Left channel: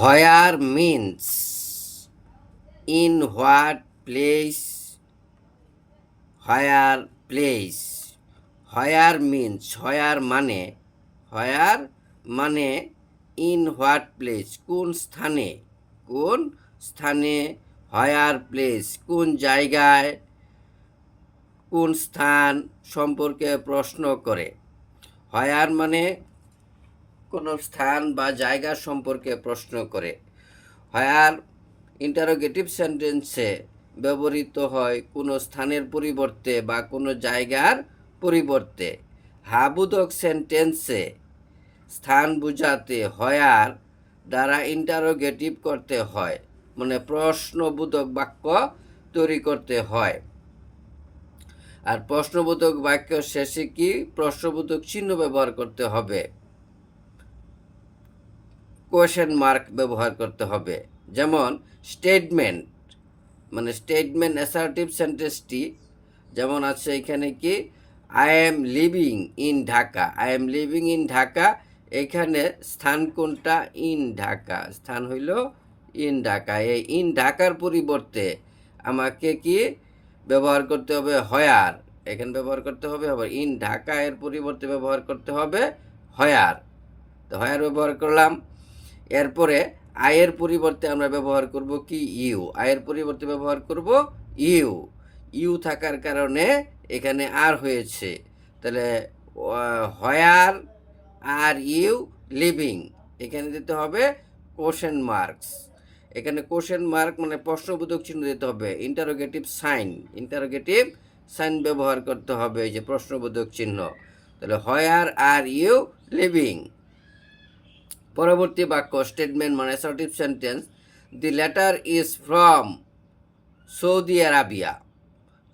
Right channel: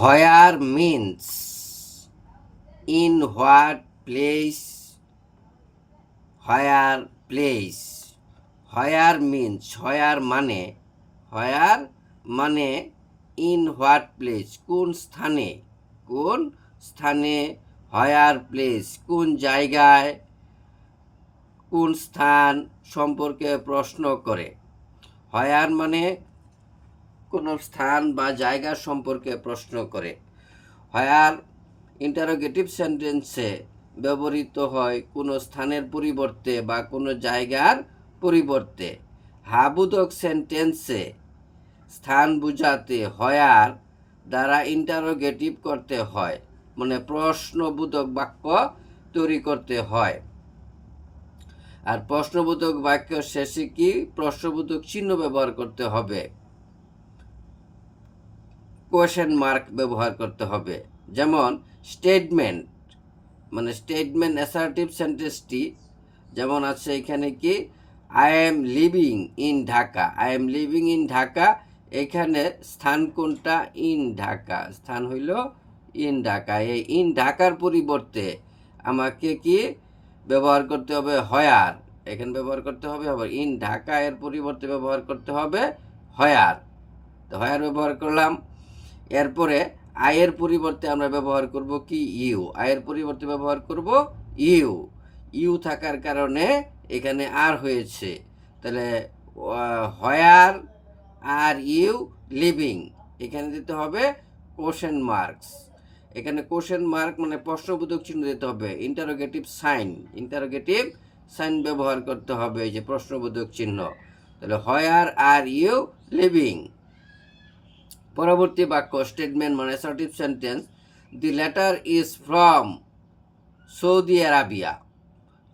Where means in what place, where place. Where means where মানে in what place কোন স্থানে, কোন স্থানে, হোয়ার প্লেস কোন জায়গায়, কোন স্থান সম্পর্কে প্রশ্ন করে। হোয়ার মানে কোনো স্থান বা জায়গা সম্পর্কে প্রশ্ন করে। হোয়ার ইন্টারোগেটিভ সেন্টেন্সে ব্যবহৃত হয় কোনো স্থানের পরিবর্তে বা কোনো জায়গার পরিবর্তে। হাবোধক সেন্টেন্সে স্থান বোঝাতে হোয়ার দ্বারা ইন্টারোগেটিভ করতে হয়, মানে প্রশ্নবোধক বাক্য তৈরি করতে হয়। আর প্রশ্নবোধক বাক্য শেষে কি প্রশ্নবোধক চিহ্ন ব্যবহার করতে হবে, কোয়েশ্চেন মার্ক ব্যবহার করতে হবে। যেমন স্টেটমেন্ট, মানে স্টেটমেন্ট অ্যাসার্টিভ সেন্টেন্সটি যেমন আছে এখানে কি I am living in Dhaka, I am living in Dhaka, এখানে স্থান কোনটা, ইন ঢাকা, স্থান হইল ইন ঢাকা। এই ইন ঢাকার পরিবর্তে আমাকে কি ব্যবহার করতে হবে, হোয়ার, এখানে ব্যবহার করতে হবে। আবার ইন ঢাকা এর পরিবর্তে ব্যবহার করতে হবে হোয়ার। তো হোয়ার ব্যবহার করলাম। এরপরে আয়ের পরিবর্তে আমরা ব্যবহার করব কি, ইউ, আয়ের পরিবর্তে ব্যবহার করব ইউ। ইউ থাকার কারণে এখানে আর হয়েছে, তাহলে হোয়ার আর ইউ লিভিং, এখানে দিতে হবে কোশ্চেন মার্কস। এখানে কোশ্চেন মার্ক মানে প্রশ্নবোধক চিহ্ন দিতে হবে, ইন্টারোগেটিভ সাইন ব্যবহার করতে হবে, এই যে প্রশ্নবোধক চিহ্ন। তাহলে হোয়ার আর ইউ লিভিং। পরবর্তী বাক্য স্টেটমেন্ট মানে assertive sentence, the letter is from Saudi Arabia,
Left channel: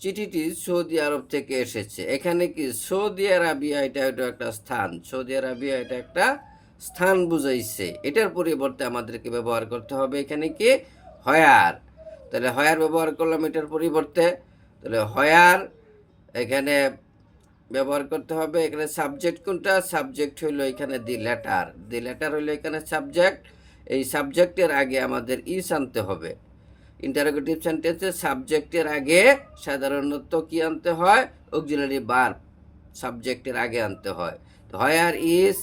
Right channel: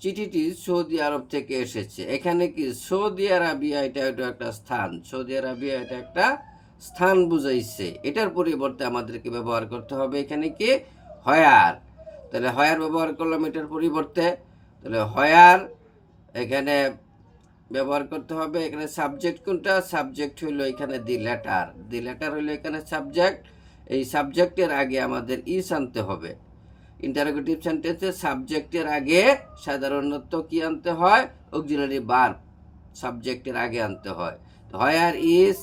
চিঠিটি সৌদি আরব থেকে এসেছে। এখানে কি সৌদি আরাবিয়া এটা একটা স্থান, সৌদি আরাবিয়া এটা একটা স্থান বুঝাইছে, এটার পরিবর্তে আমাদেরকে ব্যবহার করতে হবে এখানে কি হোয়ার। তাহলে হোয়ার ব্যবহার করলাম এটার পরিবর্তে। তাহলে হোয়ার এখানে ব্যবহার করতে হবে। এখানে সাবজেক্ট কোনটা, সাবজেক্ট হইলো এখানে দি লেটার হইলো এখানে সাবজেক্ট। এই সাবজেক্টের আগে আমাদের ইস আনতে হবে। ইন্টারোগেটিভ সেন্টেন্সে সাবজেক্টের আগে সাধারণত কি আনতে হয়, অক্সিলারি ভার্ব সাবজেক্টের আগে আনতে হয়। হোয়ার ইজ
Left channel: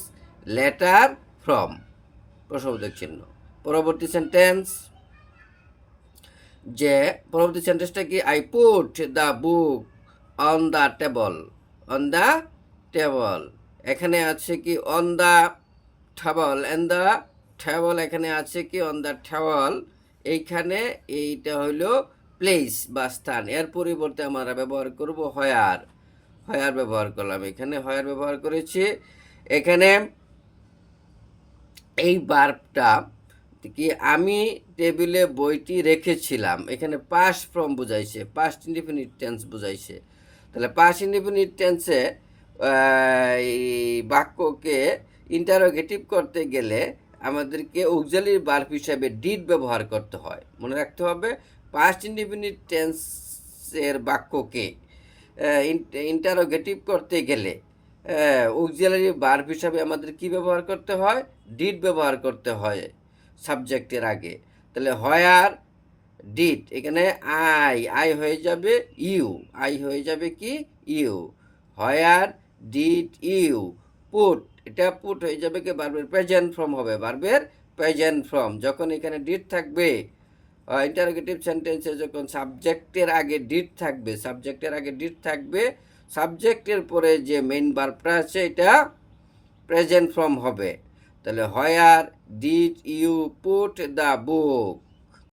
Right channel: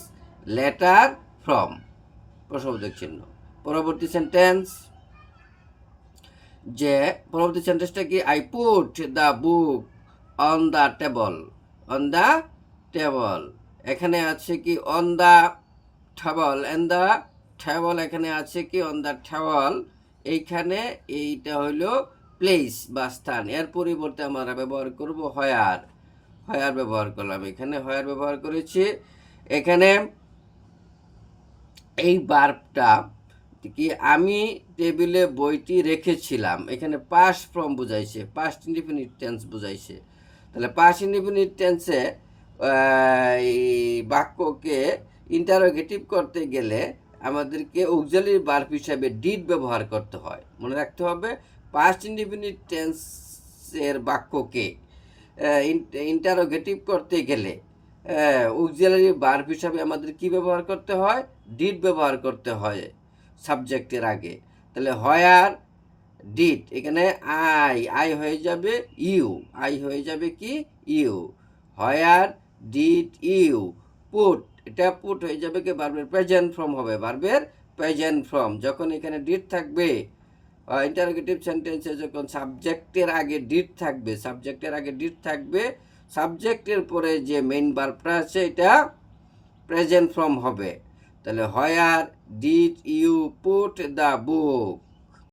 লেটার ফ্রম, প্রশ্নবোধক চিহ্ন। পরবর্তী সেন্টেন্স, যে পরবর্তী সেন্টেন্সটা কি, I put the book on the table, on the table, এখানে আছে কি on the table, and the table, এখানে আছে কি অন দ্য টেবল, এইখানে এইটা হইল প্লেস বা স্থান, এর পরিবর্তে আমরা ব্যবহার করব হোয়ার। হোয়ার ব্যবহার করলাম, এখানে হোয়ার ব্যবহার করেছি। এখানে এই ভার্বটা কি, আমি টেবিলে বইটি রেখেছিলাম, এখানে পাস্ট ফর্ম বুঝাইছে, পাস্ট ইনডিফিনিট টেন্স বুঝাইছে। তাহলে পাস্ট ইনডিফিনিট টেন্সে এই বাক্যকে ইন্টারোগেটিভ করতে গেলে আমাদেরকে অক্সিলারি ভার্ব হিসাবে ডিড ব্যবহার করতে হয়। মনে রাখতে হবে পাস্ট ইনডিফিনিট টেন্সের বাক্যকে ইন্টারোগেটিভ করতে গেলে অক্সিলারি ভার্ব হিসাবে আমাদের কি ব্যবহার করতে হয়, ডিড ব্যবহার করতে হয় সাবজেক্টের আগে। তাহলে হোয়ার ডিড, এখানে আই হয়ে যাবে ইউ, আই হয়ে যাবে কি you. Where did you put, এটা পুট হয়ে যাবে কি ভার্বের প্রেজেন্ট ফর্ম হবে, ভার্বের প্রেজেন্ট ফর্ম। যখন এখানে ডিড থাকবে ইন্টারোগেটিভ সেন্টেন্সে, যখন সাবজেক্টের আগে ডিড থাকবে, সাবজেক্টের আগে ডিড থাকবে, সাবজেক্টের পরে যে মেইন ভার্বটা আছে এটা প্রেজেন্ট ফর্ম হবে। তাহলে where did you put the book,